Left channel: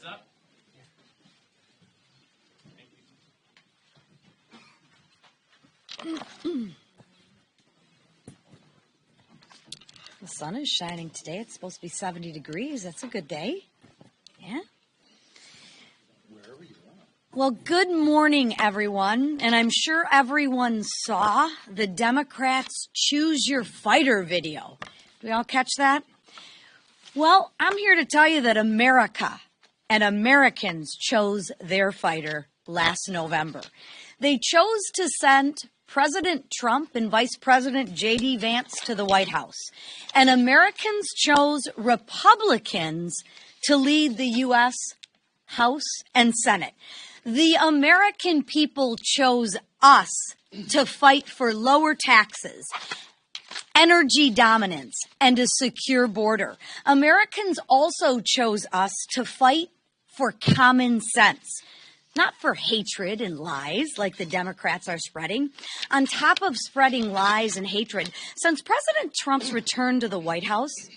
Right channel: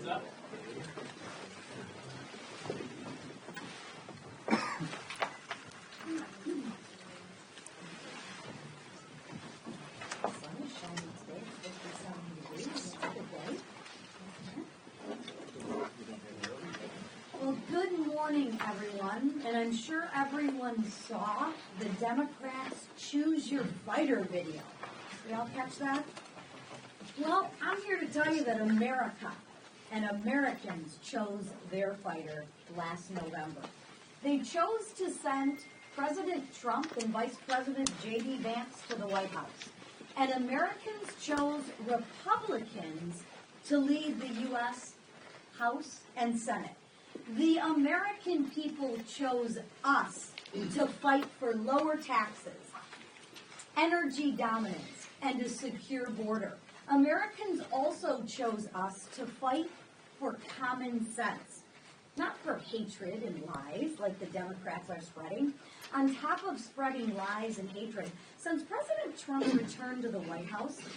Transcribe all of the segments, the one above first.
The sun is shining today. It's supposed to be 70 degrees. That's a good day. Yeah. Well, good morning, everyone. And I'm sure everyone saw the Democrats' Choose Your Fighter video. We all catch that? Well, I'm here to tell you that America and Americans chose their fighter last November. They chose to send President Trump and Vice President J.D. Vance to the White House. And Americans chose Republicans to lead the U.S. House and Senate. The American people chose us to fight for lower taxes, energy dominance, and a secure border. Americans also chose us to fight for common sense, not for hatred and lies like the Democrats are spreading. On top of spreading lies and hatred, since President Trump's return to the White House,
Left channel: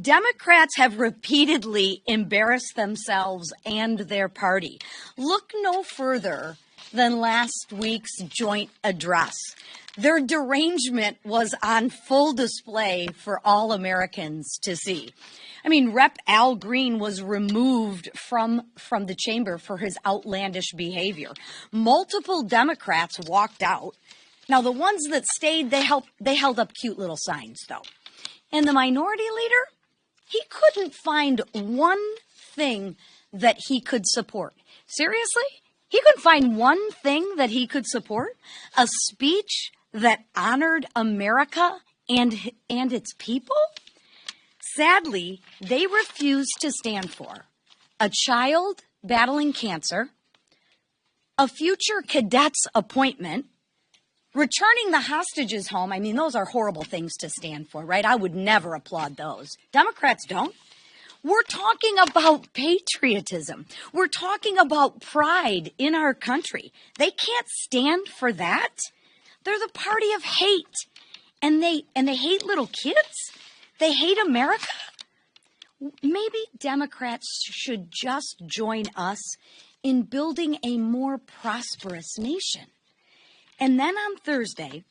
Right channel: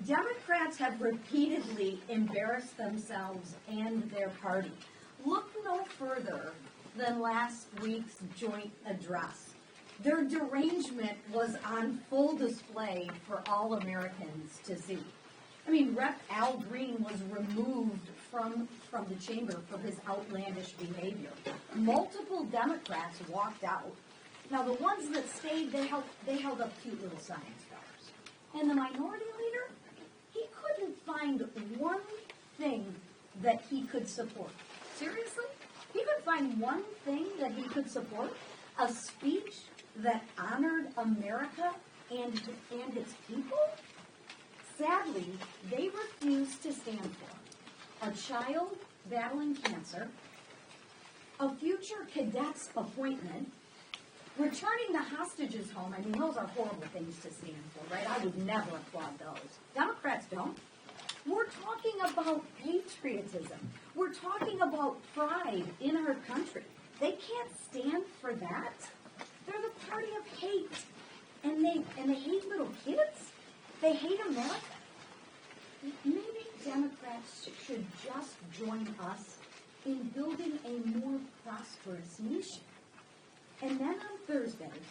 Democrats have repeatedly embarrassed themselves and their party. Look no further than last week's joint address. Their derangement was on full display for all Americans to see. I mean, Rep. Al Green was removed from the chamber for his outlandish behavior. Multiple Democrats walked out. Now, the ones that stayed, they held up cute little signs, though. And the minority leader, he couldn't find one thing that he could support. Seriously? He couldn't find one thing that he could support? A speech that honored America and its people? Sadly, they refused to stand for a child battling cancer, a future cadet's appointment, returning the hostages home. I mean, those are horrible things to stand for, right? I would never applaud those. Democrats don't. We're talking about patriotism. We're talking about pride in our country. They can't stand for that. They're the party of hate. And they hate little kids? They hate America? Maybe Democrats should just join us in building a more prosperous nation. And then on Thursday,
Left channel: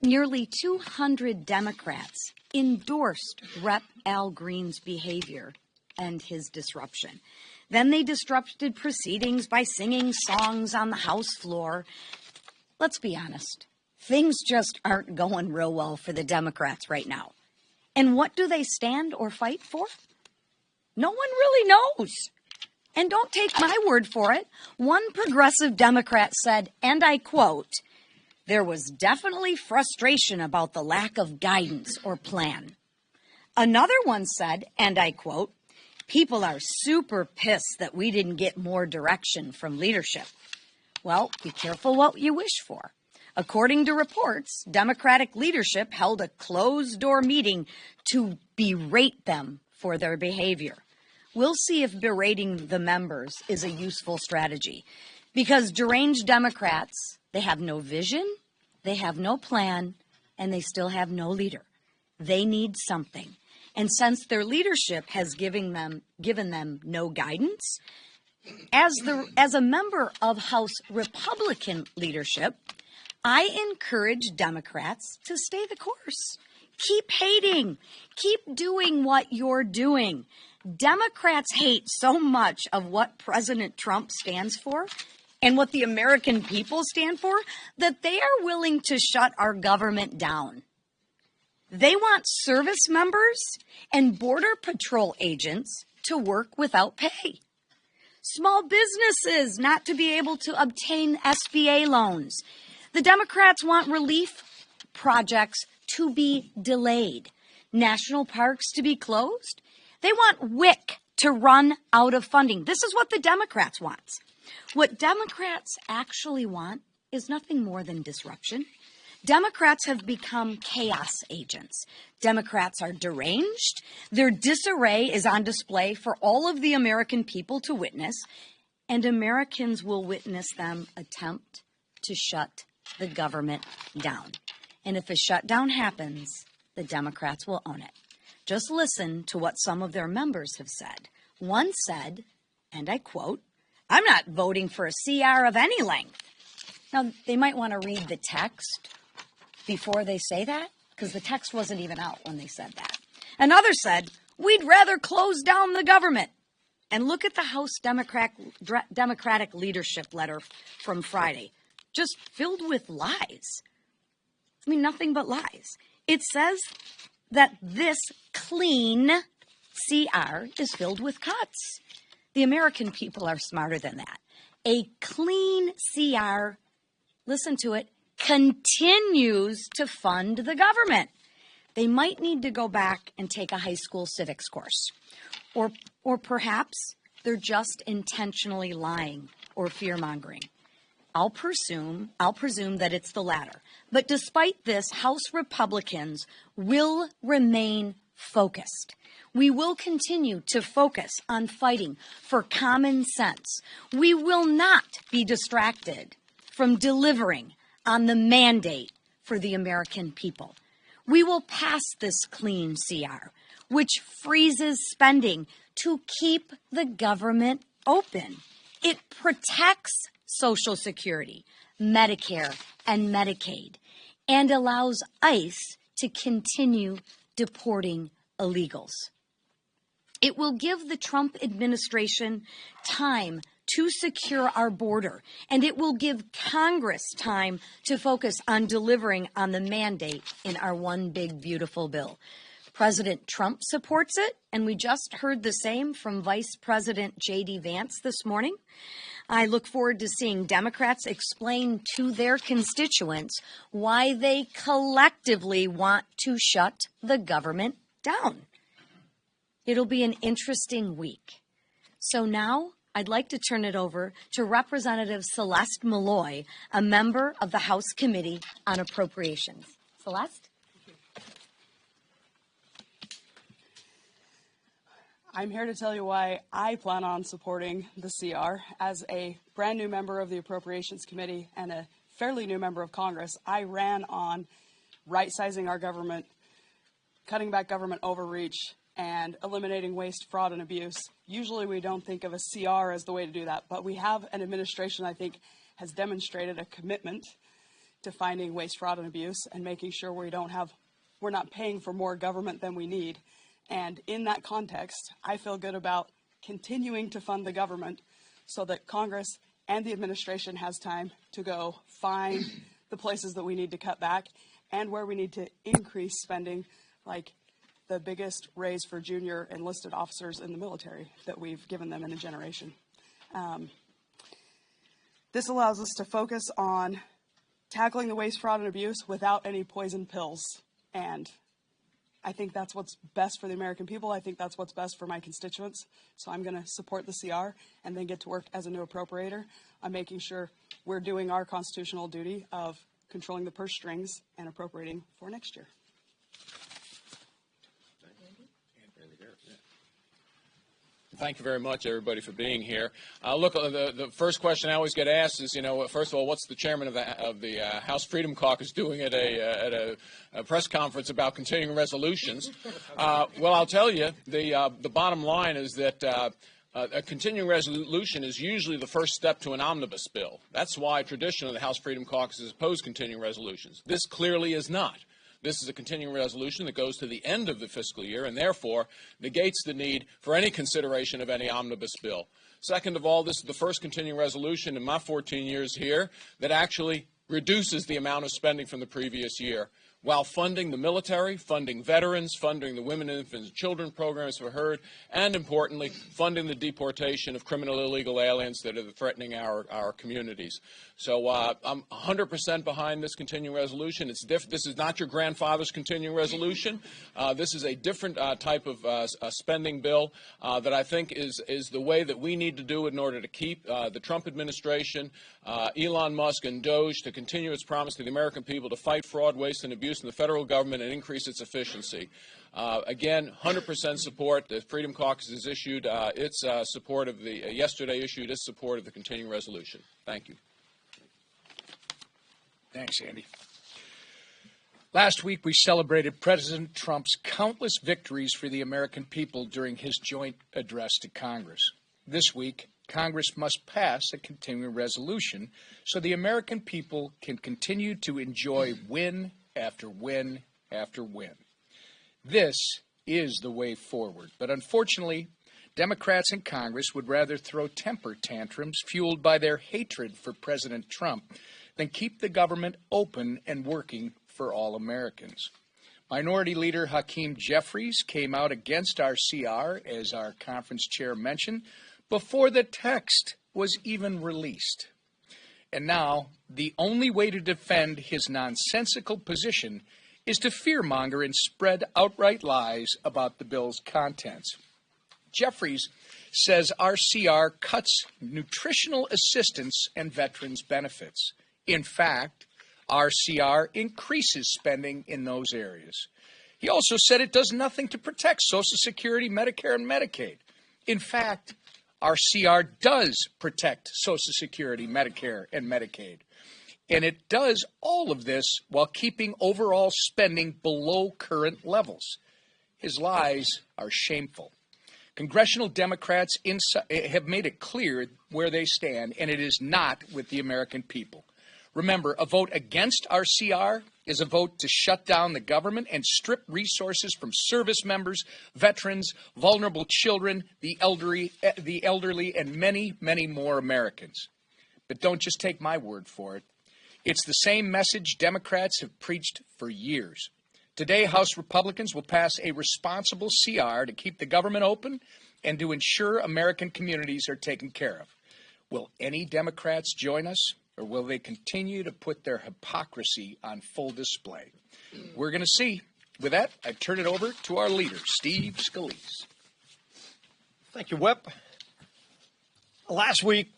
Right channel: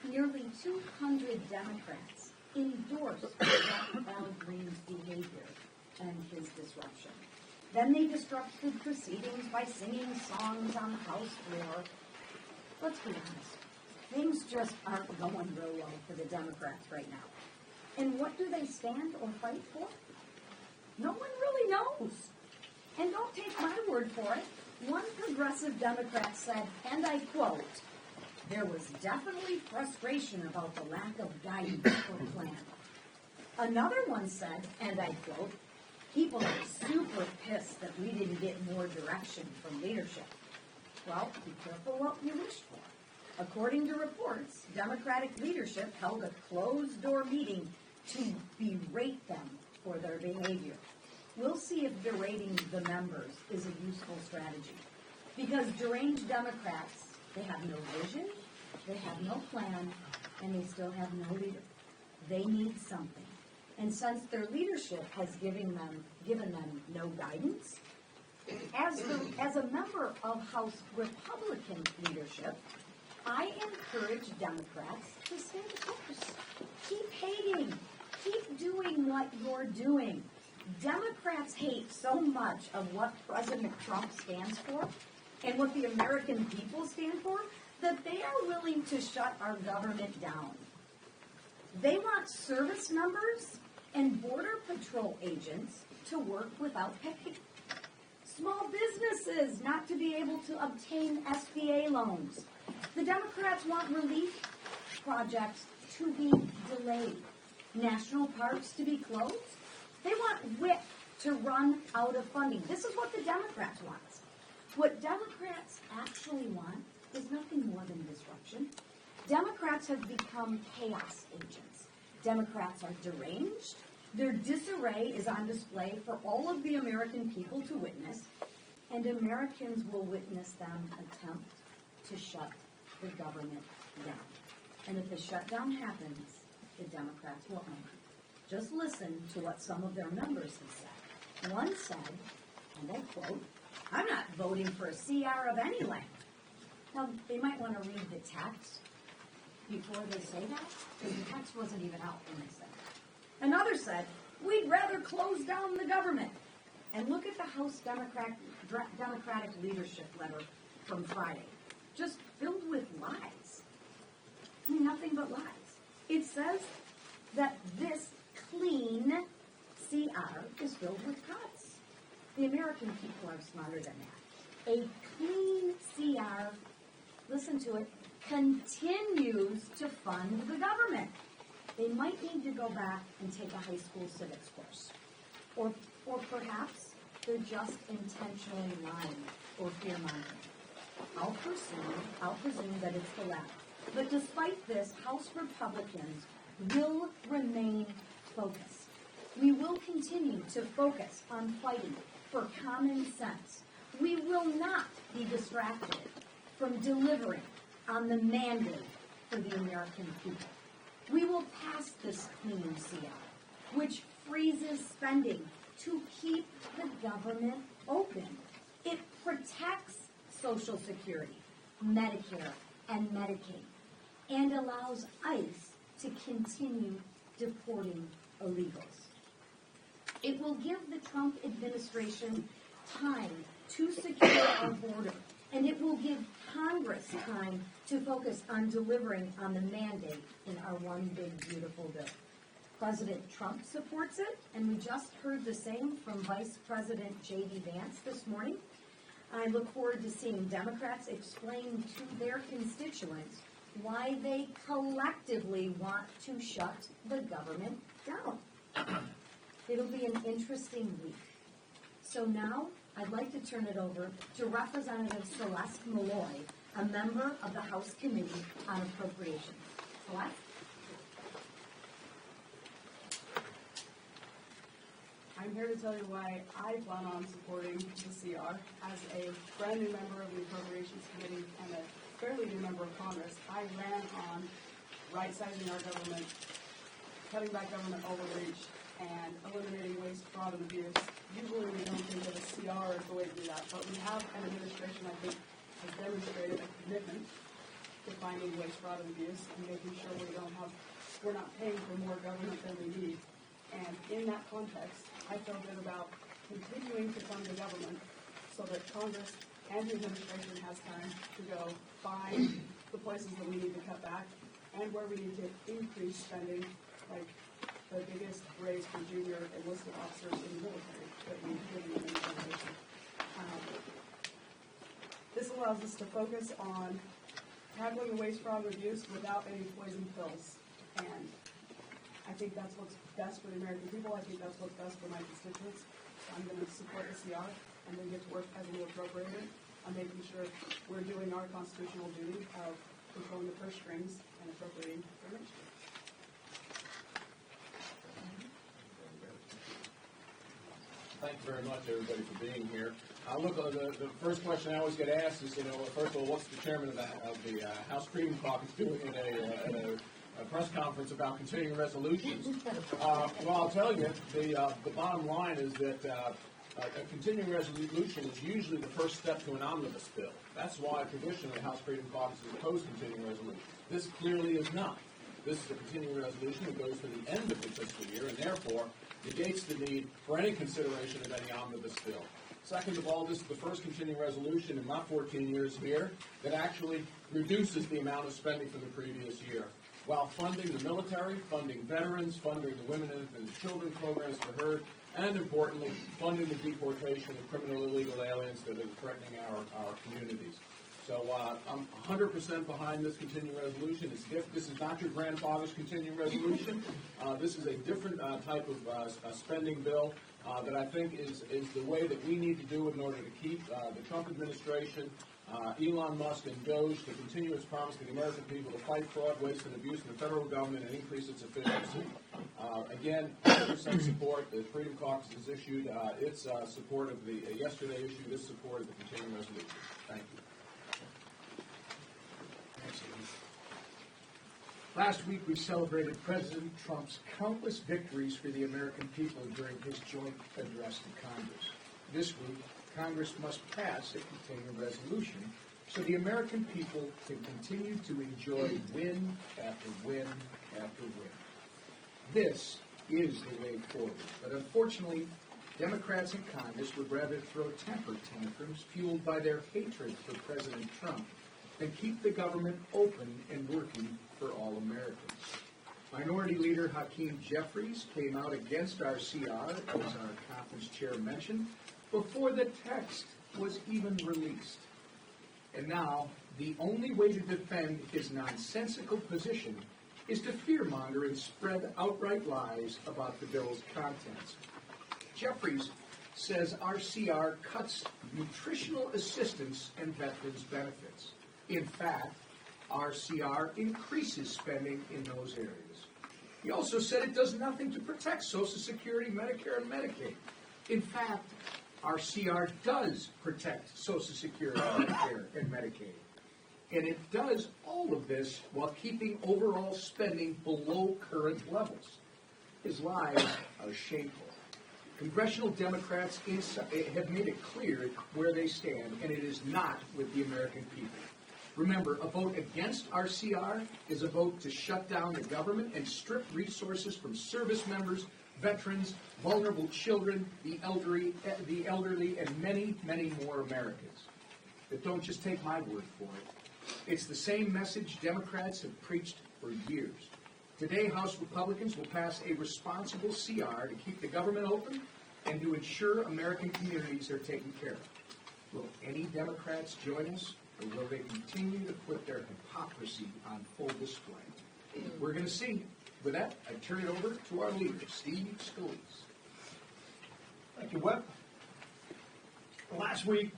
nearly 200 Democrats endorsed Rep. Al Green's behavior and his disruption. Then they disrupted proceedings by singing songs on the House floor. Let's be honest. Things just aren't going real well for the Democrats right now. And what do they stand or fight for? No one really knows. And don't take my word for it. One progressive Democrat said, and I quote, "There was definitely frustration about the lack of guidance or plan." Another one said, and I quote, "People are super pissed that we didn't get more direction from leadership." Well, be careful what you wish for. According to reports, Democratic leadership held a closed-door meeting to berate them for their behavior. We'll see if berating the members is a useful strategy. Because deranged Democrats, they have no vision, they have no plan, and they still have no leader. They need something. And since their leadership has given them no guidance, as a member of House Republican leadership, I encourage Democrats to stay the course. Keep hating. Keep doing what you're doing. Democrats hate so much of what President Trump stands for and what the American people stand for that they are willing to shut our government down. They want service members and Border Patrol agents to work without pay. Small businesses not to be able to obtain SBA loans. The Democrats want relief projects to be delayed, national parks to be closed. They want WIC to run out of funding. This is what the Democrats want. What Democrats actually want is nothing more than disruption. Democrats have become chaos agents. Democrats are deranged. Their disarray is on display for all of the American people to witness, and Americans will witness them attempt to shut the government down. And if a shutdown happens, the Democrats will own it. Just listen to what some of their members have said. One said, and I quote, "I'm not voting for a CR of any length." Now, they might want to read the text before they say that, because the text wasn't even out when they said that. Another said, "We'd rather close down the government." And look at the House Democratic leadership letter from Friday, just filled with lies. I mean, nothing but lies. It says that this clean CR is filled with cuts. The American people are smarter than that. A clean CR, listen to it, continues to fund the government. They might need to go back and take a high school civics course. Or perhaps they're just intentionally lying or fear-mongering. I'll presume that it's the latter. But despite this, House Republicans will remain focused. We will continue to focus on fighting for common sense. We will not be distracted from delivering on the mandate for the American people. We will pass this clean CR, which freezes spending to keep the government open. It protects Social Security, Medicare, and Medicaid, and allows ICE to continue deporting illegals. It will give the Trump administration time to secure our border, and it will give Congress time to focus on delivering on the mandate in our one big beautiful bill. President Trump supports it, and we just heard the same from Vice President J.D. Vance this morning. I look forward to seeing Democrats explain to their constituents why they collectively want to shut the government down. It'll be an interesting week. So now I'd like to turn it over to Representative Celeste Malloy, a member of the House Committee on Appropriations. Celeste? I'm here to tell you why I plan on supporting the CR. As a brand new member of the Appropriations Committee and a fairly new member of Congress, I ran on right-sizing our government, cutting back government overreach, and eliminating waste, fraud, and abuse. Usually we don't think of a CR as the way to do that, but we have an administration I think has demonstrated a commitment to finding waste, fraud, and abuse and making sure we're not paying for more government than we need. And in that context, I feel good about continuing to fund the government so that Congress and the administration has time to go find the places that we need to cut back and where we need to increase spending, like the biggest raise for junior enlisted officers in the military that we've given them in a generation. This allows us to focus on tackling the waste, fraud, and abuse without any poison pills. And I think that's what's best for the American people. I think that's what's best for my constituents. So I'm going to support the CR and then get to work as a new appropriator on making sure we're doing our constitutional duty of controlling the purse strings and appropriating for next year. Thank you very much, everybody, for being here. Look, the first question I always get asked is, first of all, what's the chairman of the House Freedom Caucus doing at a press conference about continuing resolutions? Well, I'll tell you, the bottom line is that a continuing resolution is usually the first step to an omnibus bill. That's why traditionally the House Freedom Caucus has opposed continuing resolutions. This clearly is not. This is a continuing resolution that goes to the end of the fiscal year and therefore negates the need for any consideration of any omnibus bill. Second of all, this is the first continuing resolution in my 14 years here that actually reduces the amount of spending from the previous year, while funding the military, funding veterans, funding the women, infants, and children programs we heard, and importantly, funding the deportation of criminal illegal aliens that are threatening our communities. So I'm 100% behind this continuing resolution. This is not your grandfather's continuing resolution. This is a different type of spending bill that I think is the way that we need to do it in order to keep the Trump administration, Elon Musk, and DOGE to continue its promise to the American people to fight fraud, waste, and abuse in the federal government and increase its efficiency. Again, 100% support. The Freedom Caucus has issued its support of yesterday issued its support of the continuing resolution. Thank you. Thanks, Andy. Last week, we celebrated President Trump's countless victories for the American people during his joint address to Congress. This week, Congress must pass a continuing resolution so the American people can continue to enjoy win after win after win. This is the way forward. But unfortunately, Democrats in Congress would rather throw temper tantrums fueled by their hatred for President Trump than keep the government open and working for all Americans. Minority Leader Hakeem Jeffries came out against our CR, as our conference chair mentioned, before the text was even released. And now, the only way to defend his nonsensical position is to fearmonger and spread outright lies about the bill's contents. Jeffries says our CR cuts nutritional assistance and veterans' benefits. In fact, our CR increases spending in those areas. He also said it does nothing to protect Social Security, Medicare, and Medicaid. In fact, our CR does protect Social Security, Medicare, and Medicaid. And it does all of this while keeping overall spending below current levels. His lies are shameful. Congressional Democrats have made it clear where they stand, and it is not with the American people. Remember, a vote against our CR is a vote to shut down the government and strip resources from service members, veterans, vulnerable children, the elderly, and many, many more Americans. But don't just take my word for it. It's the same message Democrats have preached for years. Today, House Republicans will pass a responsible CR to keep the government open and to ensure American communities are taken care of. Will any Democrats join us? Or will they continue to put their hypocrisy on full display? We're going to see. With that, I turn it over to our leader, Steve Scalise. Thank you, Whip. Last week,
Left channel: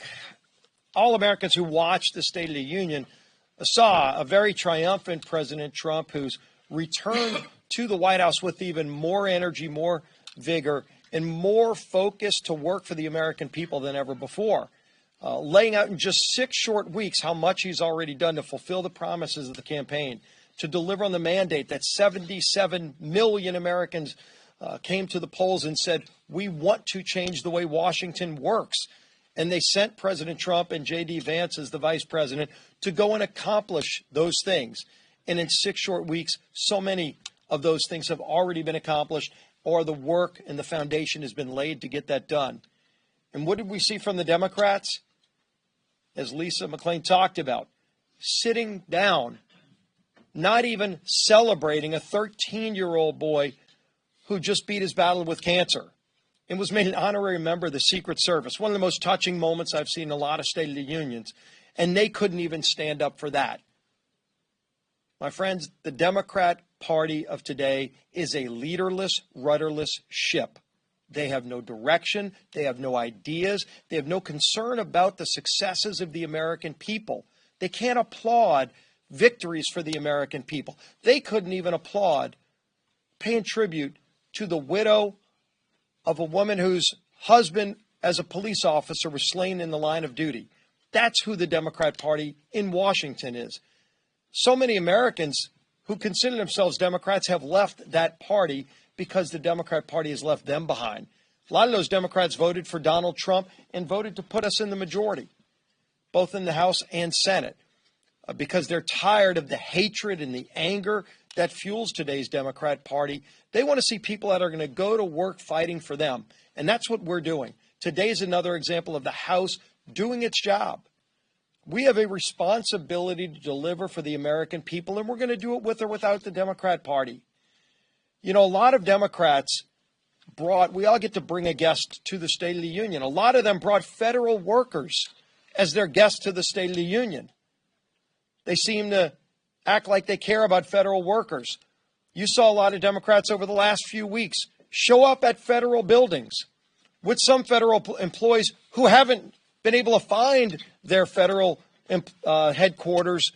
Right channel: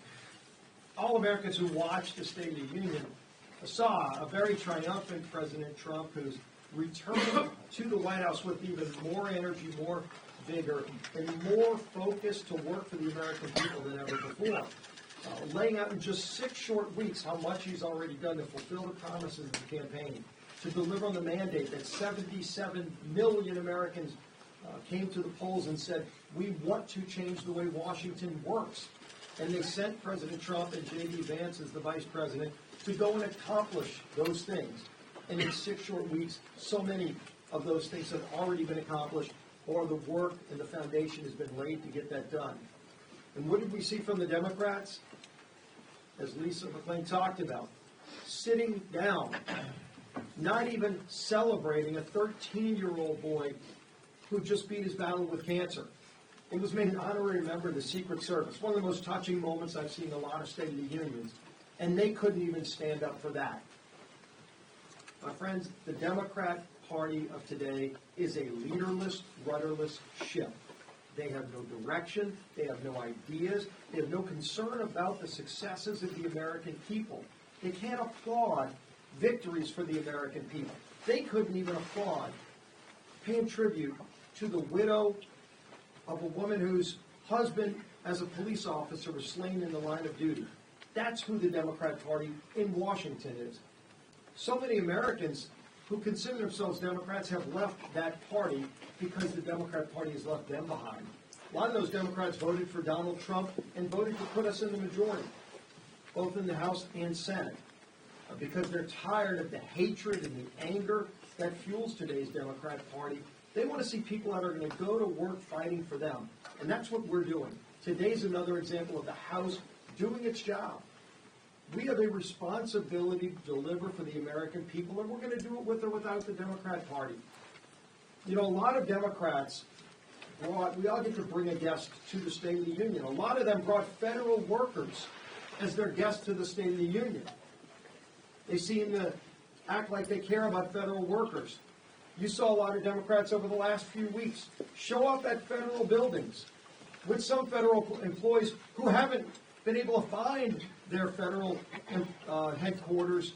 all Americans who watched the State of the Union saw a very triumphant President Trump who's returned to the White House with even more energy, more vigor, and more focus to work for the American people than ever before. Laying out in just 6 short weeks how much he's already done to fulfill the promises of the campaign, to deliver on the mandate that 77 million Americans came to the polls and said, we want to change the way Washington works. And they sent President Trump and J.D. Vance as the vice president to go and accomplish those things. And in 6 short weeks, so many of those things have already been accomplished, or the work and the foundation has been laid to get that done. And what did we see from the Democrats? As Lisa McClain talked about, sitting down, not even celebrating a 13-year-old boy who just beat his battle with cancer and was made an honorary member of the Secret Service. One of the most touching moments I've seen in a lot of State of the Unions, and they couldn't even stand up for that. My friends, the Democrat Party of today is a leaderless, rudderless ship. They have no direction. They have no ideas. They have no concern about the successes of the American people. They can't applaud victories for the American people. They couldn't even applaud paying tribute to the widow of a woman whose husband, as a police officer, was slain in the line of duty. That's who the Democrat Party in Washington is. So many Americans who consider themselves Democrats have left that party because the Democrat Party has left them behind. A lot of those Democrats voted for Donald Trump and voted to put us in the majority, both in the House and Senate, because they're tired of the hatred and the anger that fuels today's Democrat Party. They want to see people that are going to go to work fighting for them, and that's what we're doing. Today's another example of the House doing its job. We have a responsibility to deliver for the American people, and we're going to do it with or without the Democrat Party. You know, a lot of Democrats we all get to bring a guest to the State of the Union. A lot of them brought federal workers as their guests to the State of the Union. They seem to act like they care about federal workers. You saw a lot of Democrats over the last few weeks show up at federal buildings with some federal employees who haven't been able to find their federal headquarters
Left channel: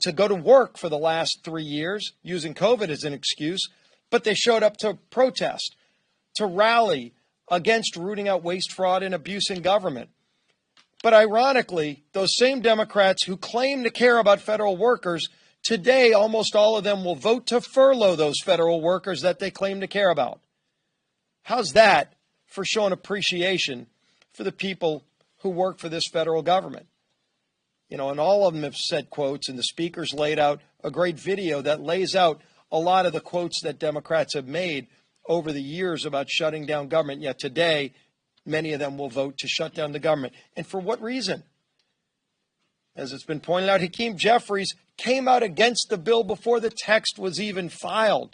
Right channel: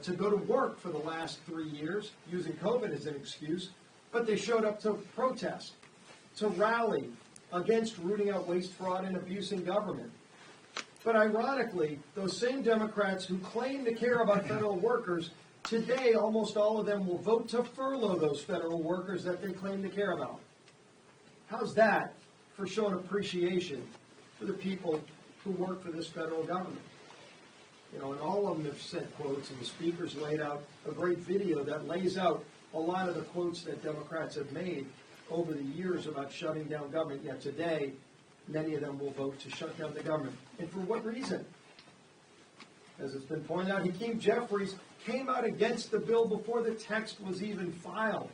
to go to work for the last 3 years, using COVID as an excuse. But they showed up to protest, to rally against rooting out waste, fraud, and abuse in government. But ironically, those same Democrats who claim to care about federal workers Today, almost all of them will vote to furlough those federal workers that they claim to care about. How's that for showing appreciation for the people who work for this federal government? You know, and all of them have said quotes, and the speakers laid out a great video that lays out a lot of the quotes that Democrats have made over the years about shutting down government. Yet today, many of them will vote to shut down the government. And for what reason? As it's been pointed out, Hakeem Jeffries came out against the bill before the text was even filed.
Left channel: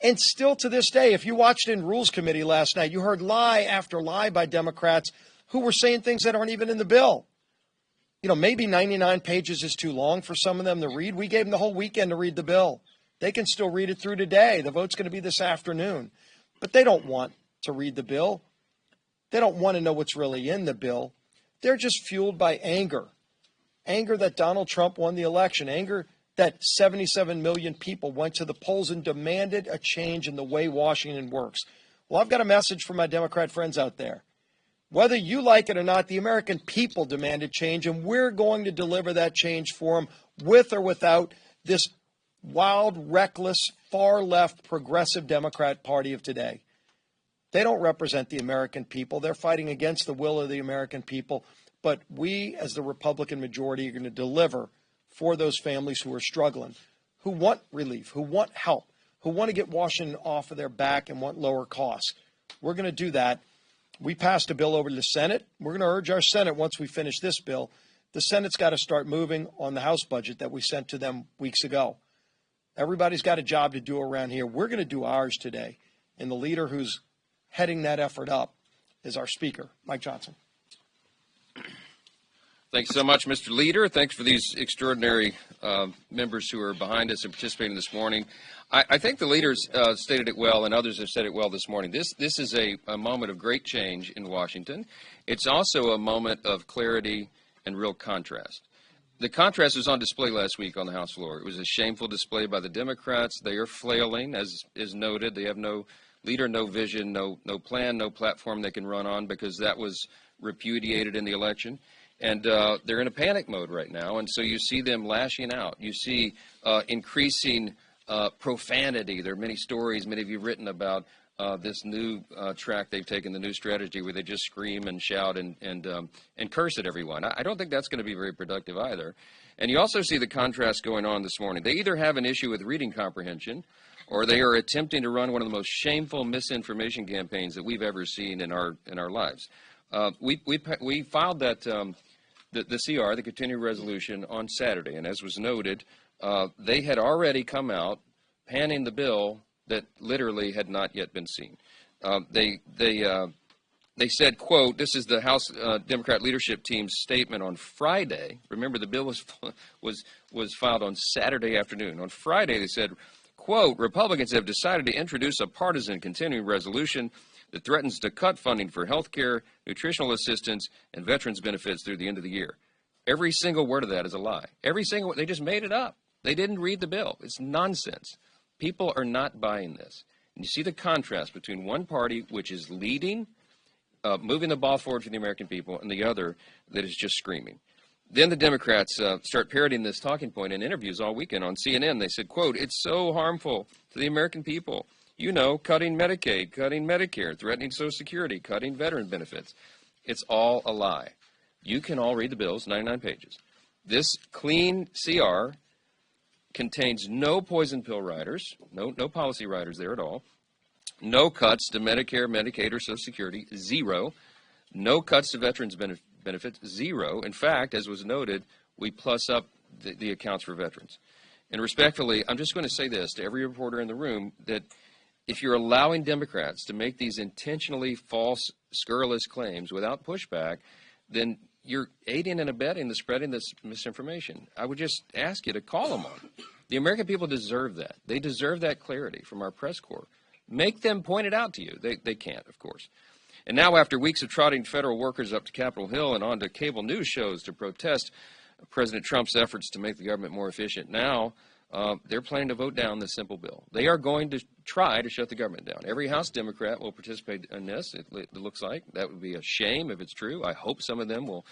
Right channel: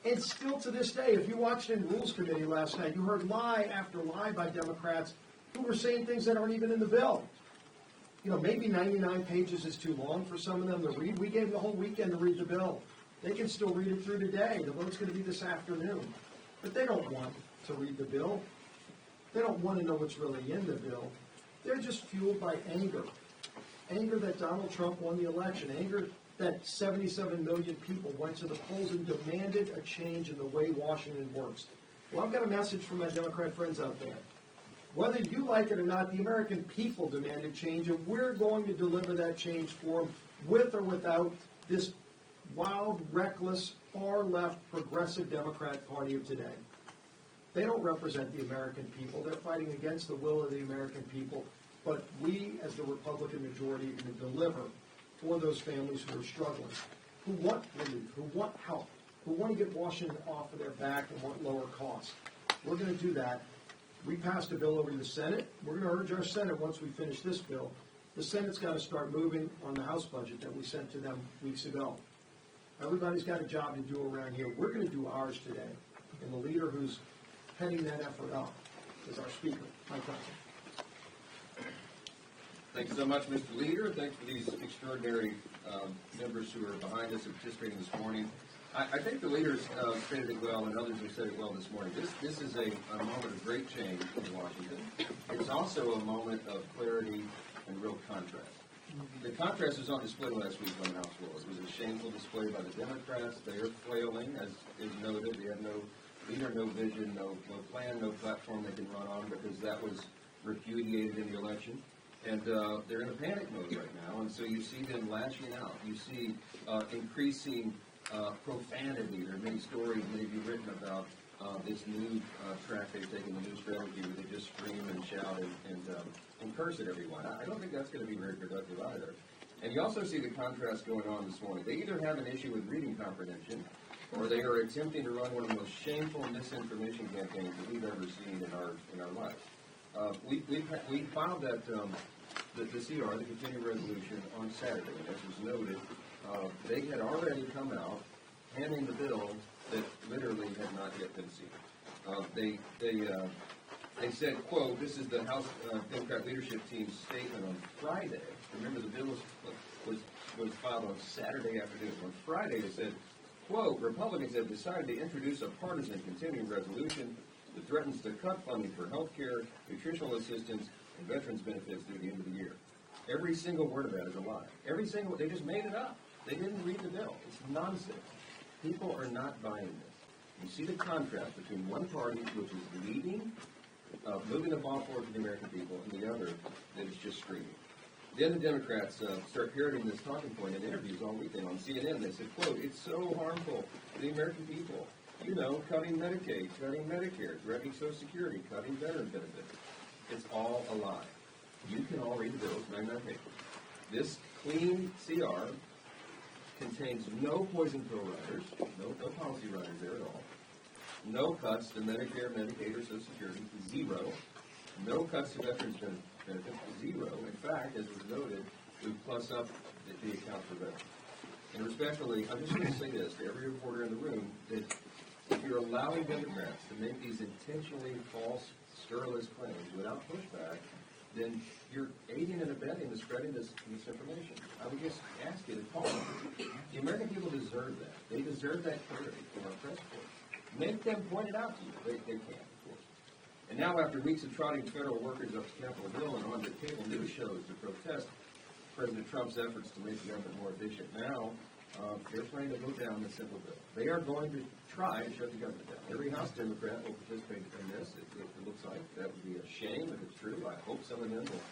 And still to this day, if you watched in Rules Committee last night, you heard lie after lie by Democrats who were saying things that aren't even in the bill. You know, maybe 99 pages is too long for some of them to read. We gave them the whole weekend to read the bill. They can still read it through today. The vote's going to be this afternoon. But they don't want to read the bill. They don't want to know what's really in the bill. They're just fueled by anger. Anger that Donald Trump won the election. Anger that 77 million people went to the polls and demanded a change in the way Washington works. Well, I've got a message for my Democrat friends out there. Whether you like it or not, the American people demanded change, and we're going to deliver that change for them with or without this wild, reckless, far-left, progressive Democrat Party of today. They don't represent the American people. They're fighting against the will of the American people. But we, as the Republican majority, are going to deliver for those families who are struggling, who want relief, who want help, who want to get Washington off of their back and want lower costs. We're going to do that. We passed a bill over to the Senate. We're going to urge our Senate, once we finish this bill, the Senate's got to start moving on the House budget that we sent to them weeks ago. Everybody's got a job to do around here. We're going to do ours today. And the leader who's heading that effort up is our Speaker, Mike Johnson. Thanks so much, Mr. Leader. Thanks for these extraordinary members who are behind us and participating this morning. I think the leaders stated it well, and others have said it well this morning. This is a moment of great change in Washington. It's also a moment of clarity and real contrast. The contrast was on display last week on the House floor. It was a shameful display by the Democrats. They are flailing, as is noted. They have no leader, no vision, no plan, no platform they can run on, because that was repudiated in the election. And they're in a panic mode right now, and so you see them lashing out. You see increasing profanity. There are many stories, many of you have written about this new track they've taken, the new strategy, where they just scream and shout and curse at everyone. I don't think that's going to be very productive either. And you also see the contrast going on this morning. They either have an issue with reading comprehension, or they are attempting to run one of the most shameful misinformation campaigns that we've ever seen in our lives. We filed that the CR, the continuing resolution, on Saturday, and as was noted, they had already come out panning the bill that literally had not yet been seen. They said, quote, this is the House Democrat leadership team's statement on Friday. Remember, the bill was filed on Saturday afternoon. On Friday, they said, quote, Republicans have decided to introduce a partisan continuing resolution that threatens to cut funding for health care, nutritional assistance, and veterans benefits through the end of the year. Every single word of that is a lie. They just made it up. They didn't read the bill. It's nonsense. People are not buying this. And you see the contrast between one party, which is leading, moving the ball forward for the American people, and the other that is just screaming. Then the Democrats start parroting this talking point in interviews all weekend on CNN. They said, quote, it's so harmful to the American people. You know, cutting Medicaid, cutting Medicare, threatening Social Security, cutting veteran benefits. It's all a lie. You can all read the bills, 99 pages. This clean CR contains no poison pill riders, no policy riders there at all, no cuts to Medicare, Medicaid, or Social Security, zero. No cuts to veterans benefits, zero. In fact, as was noted, we plus up the accounts for veterans. And respectfully, I'm just going to say this to every reporter in the room, that if you're allowing Democrats to make these intentionally false, scurrilous claims without pushback, then you're aiding and abetting the spreading this misinformation. I would just ask you to call them on it. The American people deserve that. They deserve that clarity from our press corps. Make them point it out to you. They can't, of course. And now, after weeks of trotting federal workers up to Capitol Hill and onto cable news shows to protest President Trump's efforts to make the government more efficient, now they're planning to vote down this simple bill. They are going to try to shut the government down. Every House Democrat will participate in this, it looks like. That would be a shame if it's true. I hope some of them will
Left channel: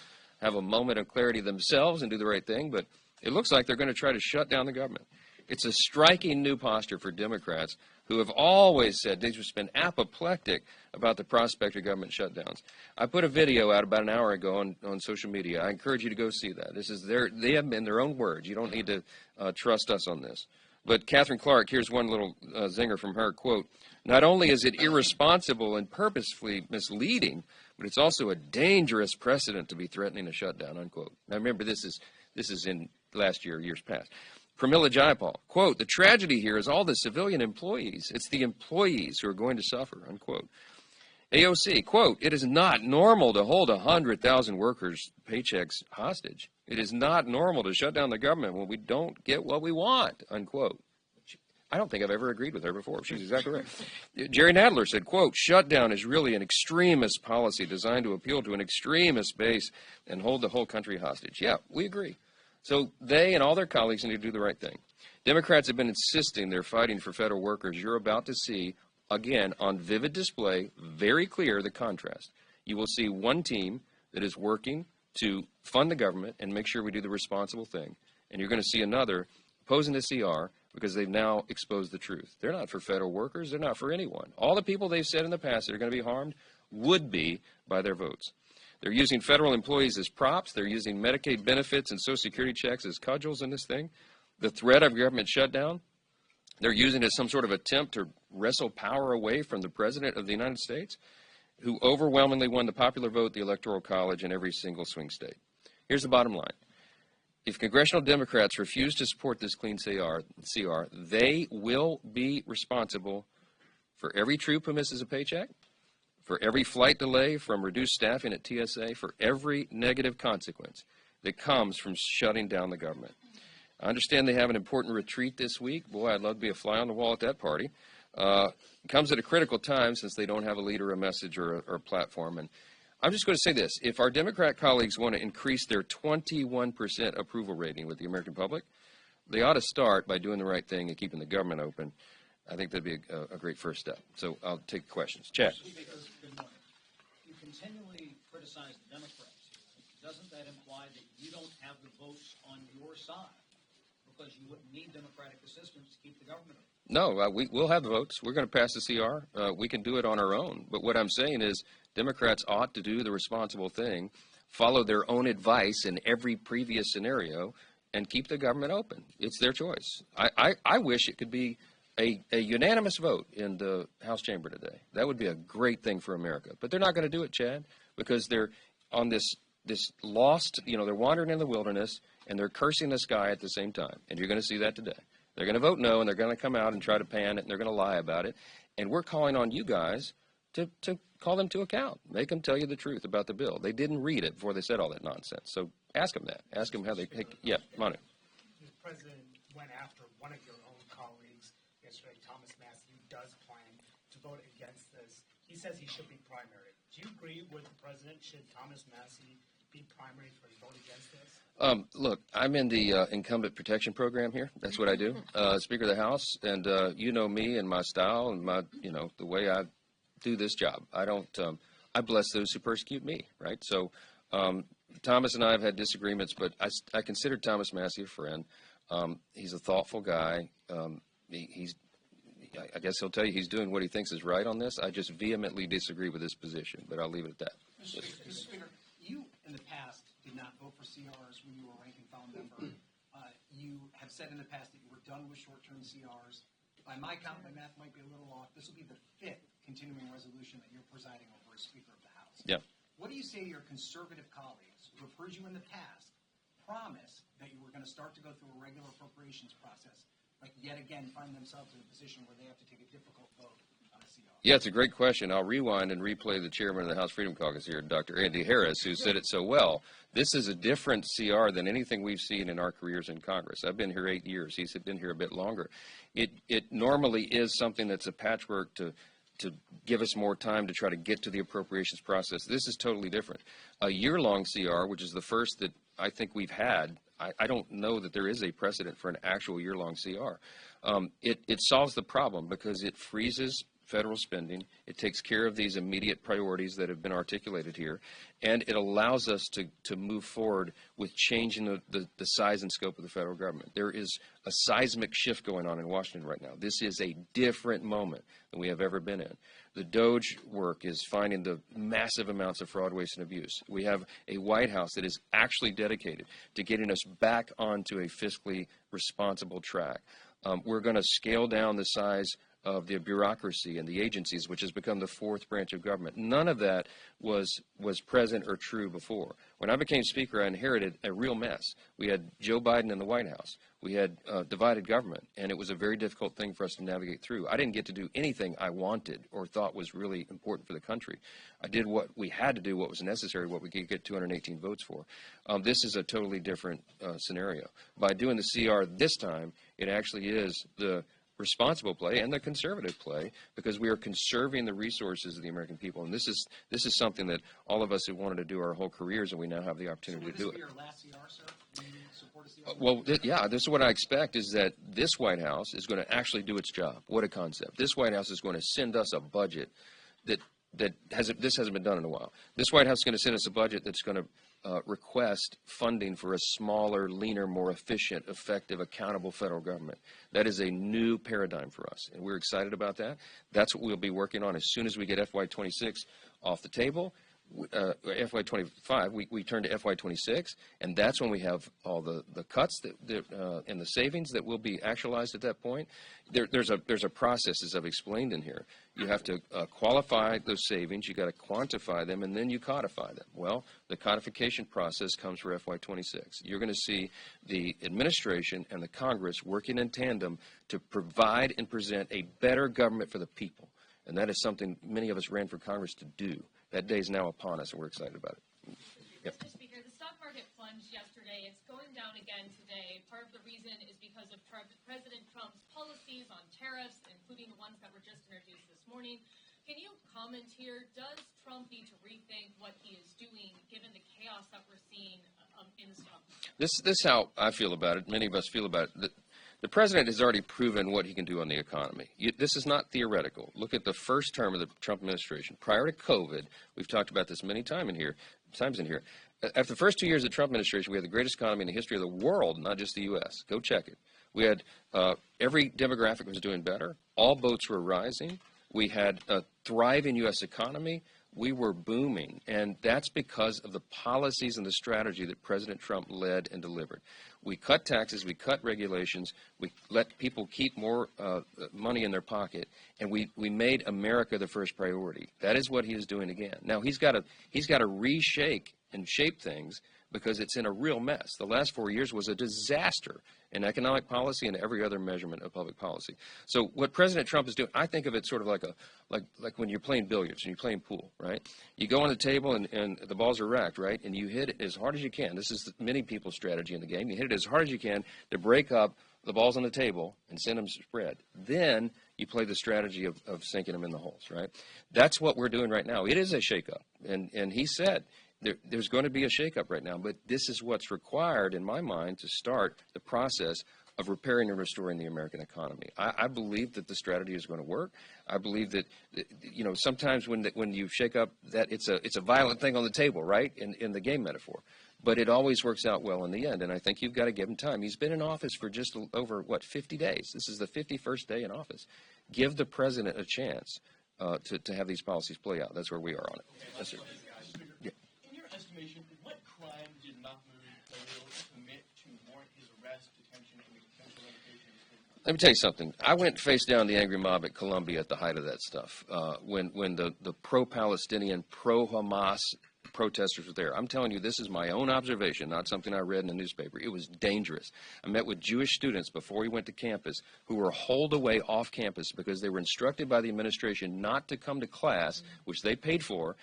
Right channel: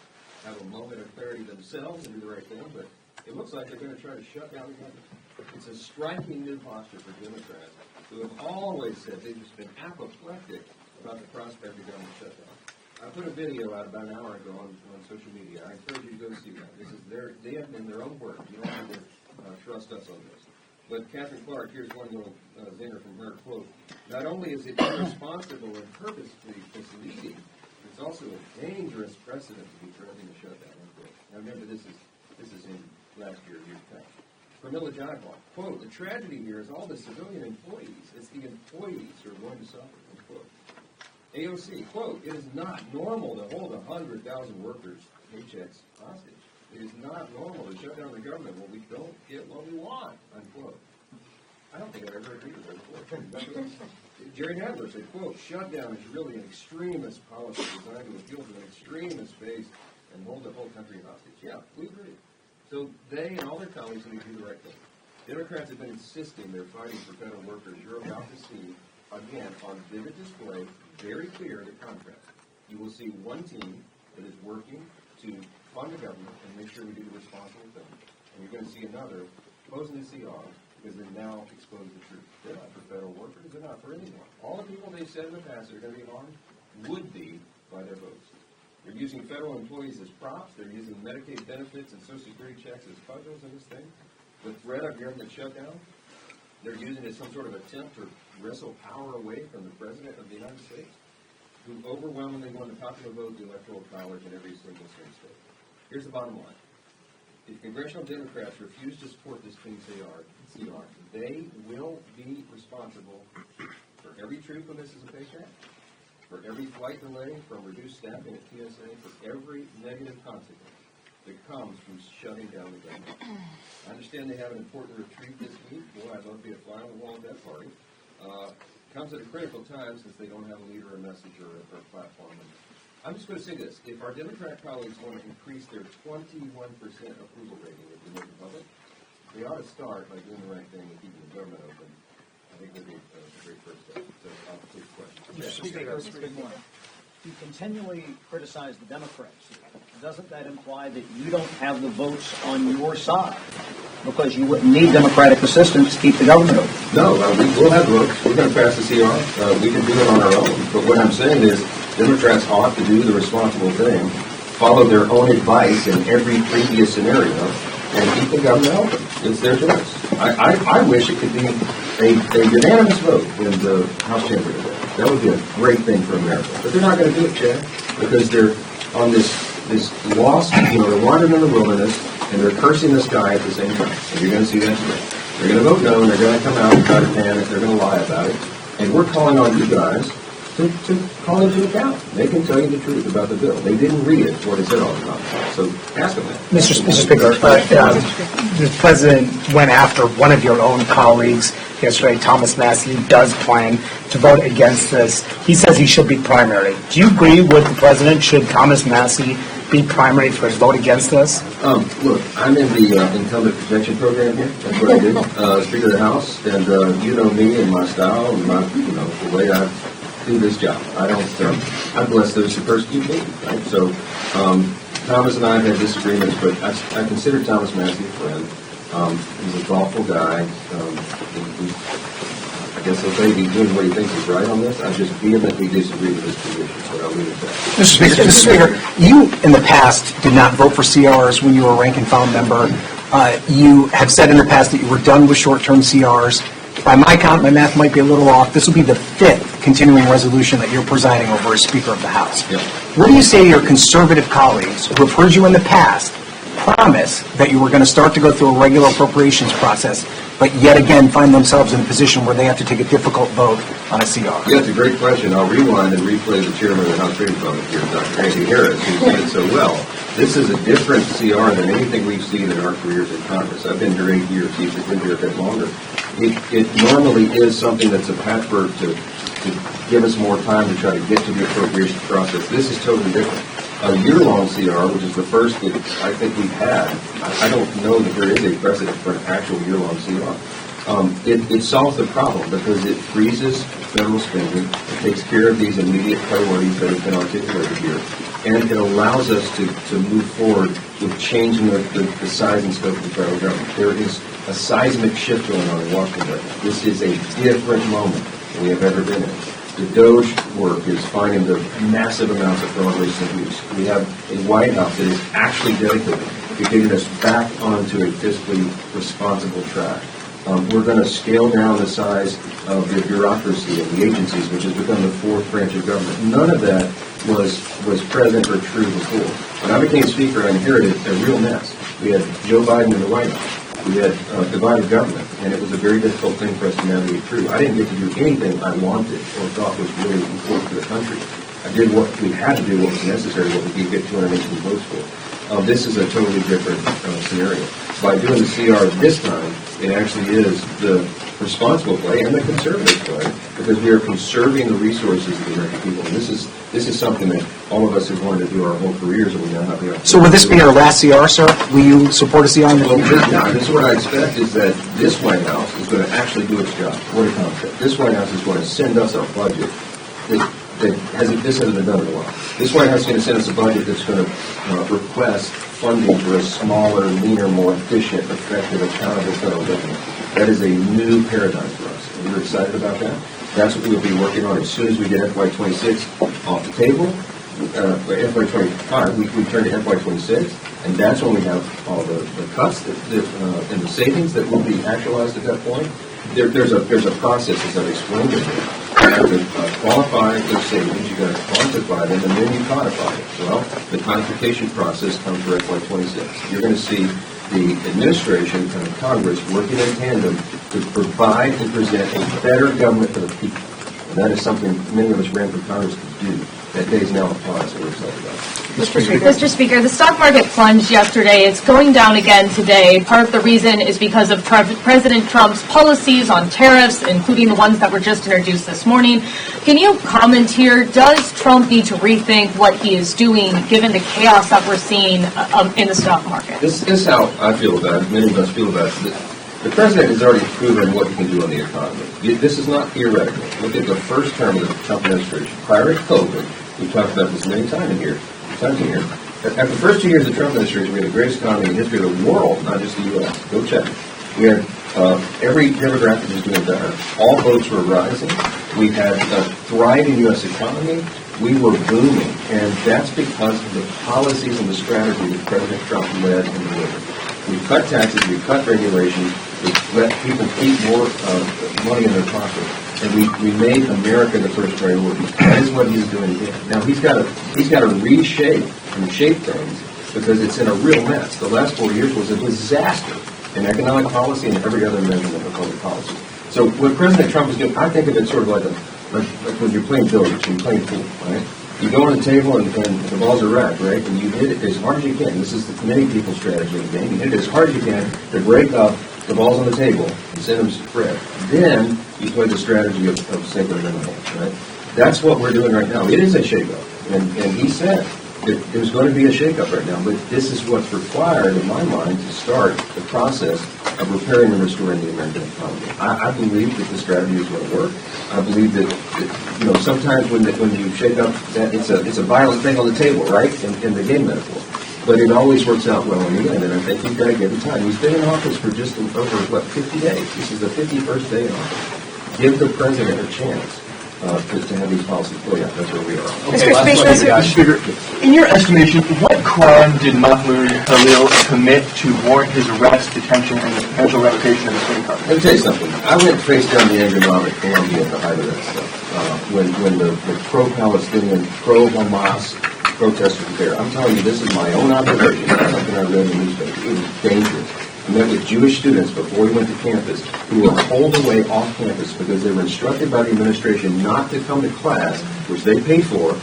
have a moment of clarity themselves and do the right thing, but It looks like they're going to try to shut down the government. It's a striking new posture for Democrats who have always said they've just been apoplectic about the prospect of government shutdowns. I put a video out about an hour ago on social media. I encourage you to go see that. This is they have been their own words. You don't need to trust us on this. But Catherine Clark, here's one little zinger from her, quote, "Not only is it irresponsible and purposefully misleading, but it's also a dangerous precedent to be threatening a shutdown," unquote. Now remember, this is in last year, years past. Pramila Jayapal, quote, "The tragedy here is all the civilian employees. It's the employees who are going to suffer," unquote. AOC, quote, "It is not normal to hold 100,000 workers' paychecks hostage. It is not normal to shut down the government when we don't get what we want," unquote. I don't think I've ever agreed with her before. She's exactly right. Jerry Nadler said, quote, "Shutdown is really an extremist policy designed to appeal to an extremist base and hold the whole country hostage." Yeah, we agree. So they and all their colleagues need to do the right thing. Democrats have been insisting they're fighting for federal workers. You're about to see, again, on vivid display, very clear the contrast. You will see one team that is working to fund the government and make sure we do the responsible thing. And you're going to see another posing the CR because they've now exposed the truth. They're not for federal workers. They're not for anyone. All the people they've said in the past that are going to be harmed would be by their votes. They're using federal employees as props. They're using Medicaid benefits and Social Security checks as cudgels in this thing. The threat of government shutdown, they're using it as some sort of attempt to wrestle power away from the President of the United States, who overwhelmingly won the popular vote, the Electoral College, in every single swing state. Here's the bottom line. If congressional Democrats refuse to support this clean CR, they will be responsible for every troop who misses a paycheck, for every flight delay from reduced staffing at TSA, for every negative consequence that comes from shutting down the government. I understand they have an important retreat this week. Boy, I'd love to be a fly on the wall at that party. Comes at a critical time since they don't have a leader, a message, or a platform. And I'm just going to say this. If our Democrat colleagues want to increase their 21% approval rating with the American public, they ought to start by doing the right thing and keeping the government open. I think that'd be a great first step. So I'll take questions. Chad. Speaker, good morning. You continually criticize the Democrats. Doesn't that imply that you don't have the votes on your side? Because you wouldn't need Democratic assistance to keep the government open. No, we'll have votes. We're going to pass the CR. We can do it on our own. But what I'm saying is Democrats ought to do the responsible thing, follow their own advice in every previous scenario, and keep the government open. It's their choice. I wish it could be a unanimous vote in the House chamber today. That would be a great thing for America. But they're not going to do it, Chad, because they're on this lost, they're wandering in the wilderness, and they're cursing the sky at the same time. And you're going to see that today. They're going to vote no, and they're going to come out and try to panic. They're going to lie about it. And we're calling on you guys to call into account. They can tell you the truth about the bill. They didn't read it before they said all the nonsense. So ask them that. Mr. Speaker, the President went after one of your own colleagues yesterday, Thomas Massey, who does plan to vote against this. He says he should be primary. Do you agree with the President? Should Thomas Massey be primary for his vote against this? Look, I'm in the incumbent protection program here. That's what I do. Speaker of the House, and you know me and my style and my, the way I do this job. I bless those who persecute me. Right? So Thomas and I have had disagreements, but I consider Thomas Massey a friend. He's a thoughtful guy. I guess he'll say he's doing what he thinks is right on this. I just vehemently disagree with his position, so I'll leave it at that. Mr. Speaker, you in the past did not vote for CRs when you were a rank and file member. You have said in the past that you were done with short-term CRs. By my count, my math might be a little off. This will be the 5th continuing resolution that you're presiding over as Speaker of the House. Yep. What do you say to your conservative colleagues who have heard you in the past promise that you were going to start to go through a regular appropriations process, but yet again find themselves in a position where they have to take a difficult vote on a CR? Yeah, it's a great question. I'll rewind and replay the chairman of the House Freedom Caucus here, Dr. Andy Harris, who said it so well. This is a different CR than anything we've seen in our careers in Congress. I've been here 8 years. He's been here a bit longer. It normally is something that's a patchwork to give us more time to try to get to the appropriations process. This is totally different. A year-long CR, which is the first that I think we've had, I don't know that there is a precedent for an actual year-long CR. It solves the problem because it freezes federal spending, it takes care of these immediate priorities that have been articulated here, and it allows us to move forward with changing the size and scope of the federal government. There is a seismic shift going on in Washington right now. This is a different moment than we have ever been in. The DOGE work is finding the massive amounts of fraudulent abuse. We have a White House that is actually dedicated to getting us back onto a fiscally responsible track. We're going to scale down the size of the bureaucracy of the agencies, which has become the fourth branch of government. None of that was present or true before. When I became Speaker, I inherited a real mess. We had Joe Biden in the White House. We had divided government, and it was a very difficult thing for us to navigate through. I didn't get to do anything I wanted or thought was really important for the country. I did what we had to do, what was necessary, what we could get 218 votes for. This is a totally different scenario. By doing the CR this time, it actually is the responsible play and the conservative play because we are conserving the resources of the American people. And this is something that all of us have wanted to do our whole careers, and we now have the opportunity. So will this be your last CR, sir? Will you support a CR in the future? Well, this is what I expect is that this White House is going to actually do its job. What a concept. This White House is going to send us a budget that hasn't been done in a while. This White House is going to send us a budget that's going to request funding for a smaller, leaner, more efficient, effective, accountable federal government. That is a new paradigm for us. And we're excited about that. That's what we'll be working on as soon as we get FY26 off the table. FY25, we turn to FY26, and that's when we have all the cuts and the savings that will be actualized at that point. There's a process, as I've explained it here. You have to qualify those savings, you got to quantify them, and then you codify it. Well, the codification process comes for FY26. You're going to see the administration and the Congress working in tandem to provide and present a better government for the people. And that is something many of us ran for Congress to do. That day is now upon us, and we're excited about it. Mr. Speaker, the stock market plunged yesterday. It's going down again today. Part of the reason is because of President Trump's policies on tariffs, including the ones that were just introduced this morning. Can you comment here? Does Trump need to rethink what he is doing, given the chaos that we're seeing in the stock market? This is how I feel about it. Many of us feel about it. The president has already proven what he can do on the economy. This is not theoretical. Look at the first term of the Trump administration. Prior to COVID, we've talked about this many times in here. After the first 2 years of the Trump administration, we had the greatest economy in the history of the world, not just the U.S. Go check it. We had every demographic was doing better. All votes were rising. We had a thriving U.S. economy. We were booming, and that's because of the policies and the strategy that President Trump led and delivered. We cut taxes, we cut regulations, we let people keep more money in their pocket, and we made America the first priority. That is what he's doing here. Now he's got to reshape and shape things because it's in a real mess. The last 4 years was a disaster in economic policy and every other measurement of public policy. So what President Trump is doing, I think of it sort of like when you're playing billiards, you're playing pool, right? You go on the table and the balls are racked, right? And you hit it as hard as you can. This is the many people's strategy in the game. You hit it as hard as you can to break up the balls on the table and send them spread. Then you play the strategy of sinking them in the hole, right? That's what we're doing right now. It is a shakeup. And he said there's going to be a shakeup right now, but this is what's required, in my mind, to start the process of repairing and restoring the American economy. I believe that the strategy is going to work. I believe that sometimes when you shake up, that it's a violent thing on the table, right, in the game metaphor. But it always works out well in the end, and I think you've got to give it time. He's been in office for just over, 50 days. This is the 51st day in office. Give the president a chance to have these policies play out. That's where we are. Mr. Speaker, in your estimation, what crime did Mahmoud Khalil commit to warrant his arrest, detention, and the potential revocation of his green card? Let me tell you something. I went face down the angry mob in Colombia at the height of that stuff. When the pro-Palestinian, pro-Hamas protesters were there. I'm telling you, this is my own observation. It's not something I read in the newspaper. It was dangerous. I met with Jewish students before we went to campus who were pulled away off campus because they were instructed by the administration not to come to class, which they paid for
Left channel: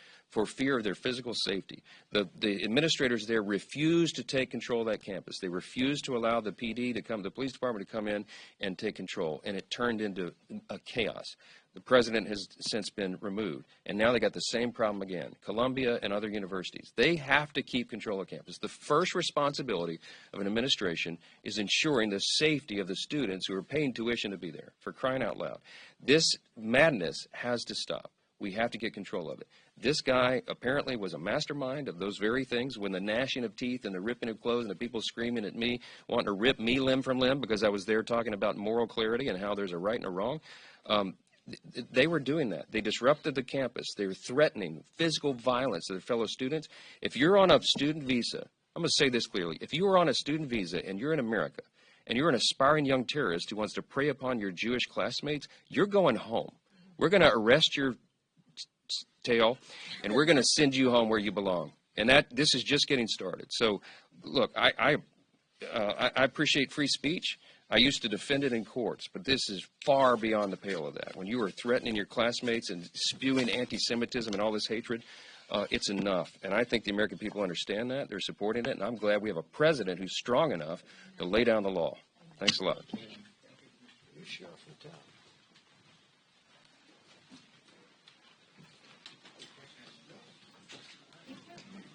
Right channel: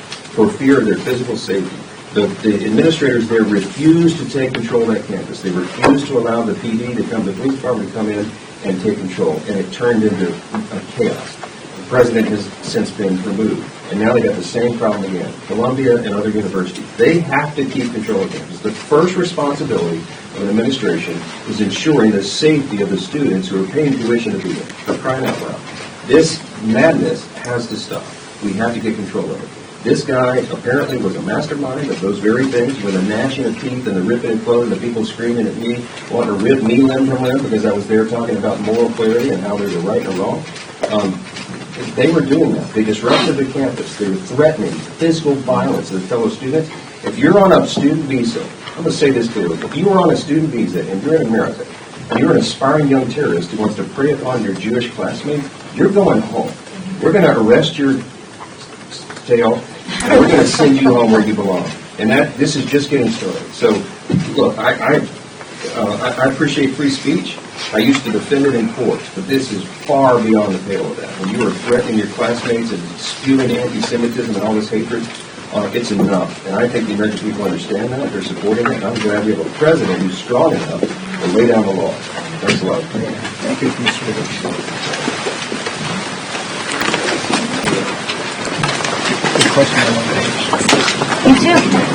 fear of their physical safety. The administrators there refused to take control of that campus. They refused to allow the PD to come, the police department to come in and take control, and it turned into a chaos. The president has since been removed. And now they got the same problem again. Columbia and other universities. They have to keep control of campus. The first responsibility of an administration is ensuring the safety of the students who are paying tuition to be there. For crying out loud. This madness has to stop. We have to get control of it. This guy apparently was a mastermind of those very things, with the gnashing of teeth and the ripping of clothes, and the people screaming at me, wanting to rip me limb from limb because I was there talking about moral clarity and how there's a right and a wrong. They were doing that. They disrupted the campus. They were threatening physical violence to their fellow students. If you're on a student visa, I'm going to say this clearly. If you were on a student visa and you're in America, and you're an aspiring young terrorist who wants to prey upon your Jewish classmates, you're going home. We're going to arrest your tail, and we're going to send you home where you belong. And this is just getting started. So, look, I appreciate free speech. I used to defend it in court, but this is far beyond the pale of that. When you are threatening your classmates and spewing anti-Semitism and all this hatred, it's enough. And I think the American people understand that. They're supporting it. And I'm glad we have a president who's strong enough to lay down the law. Thanks a lot. Thank you, Mr. Good question. You too.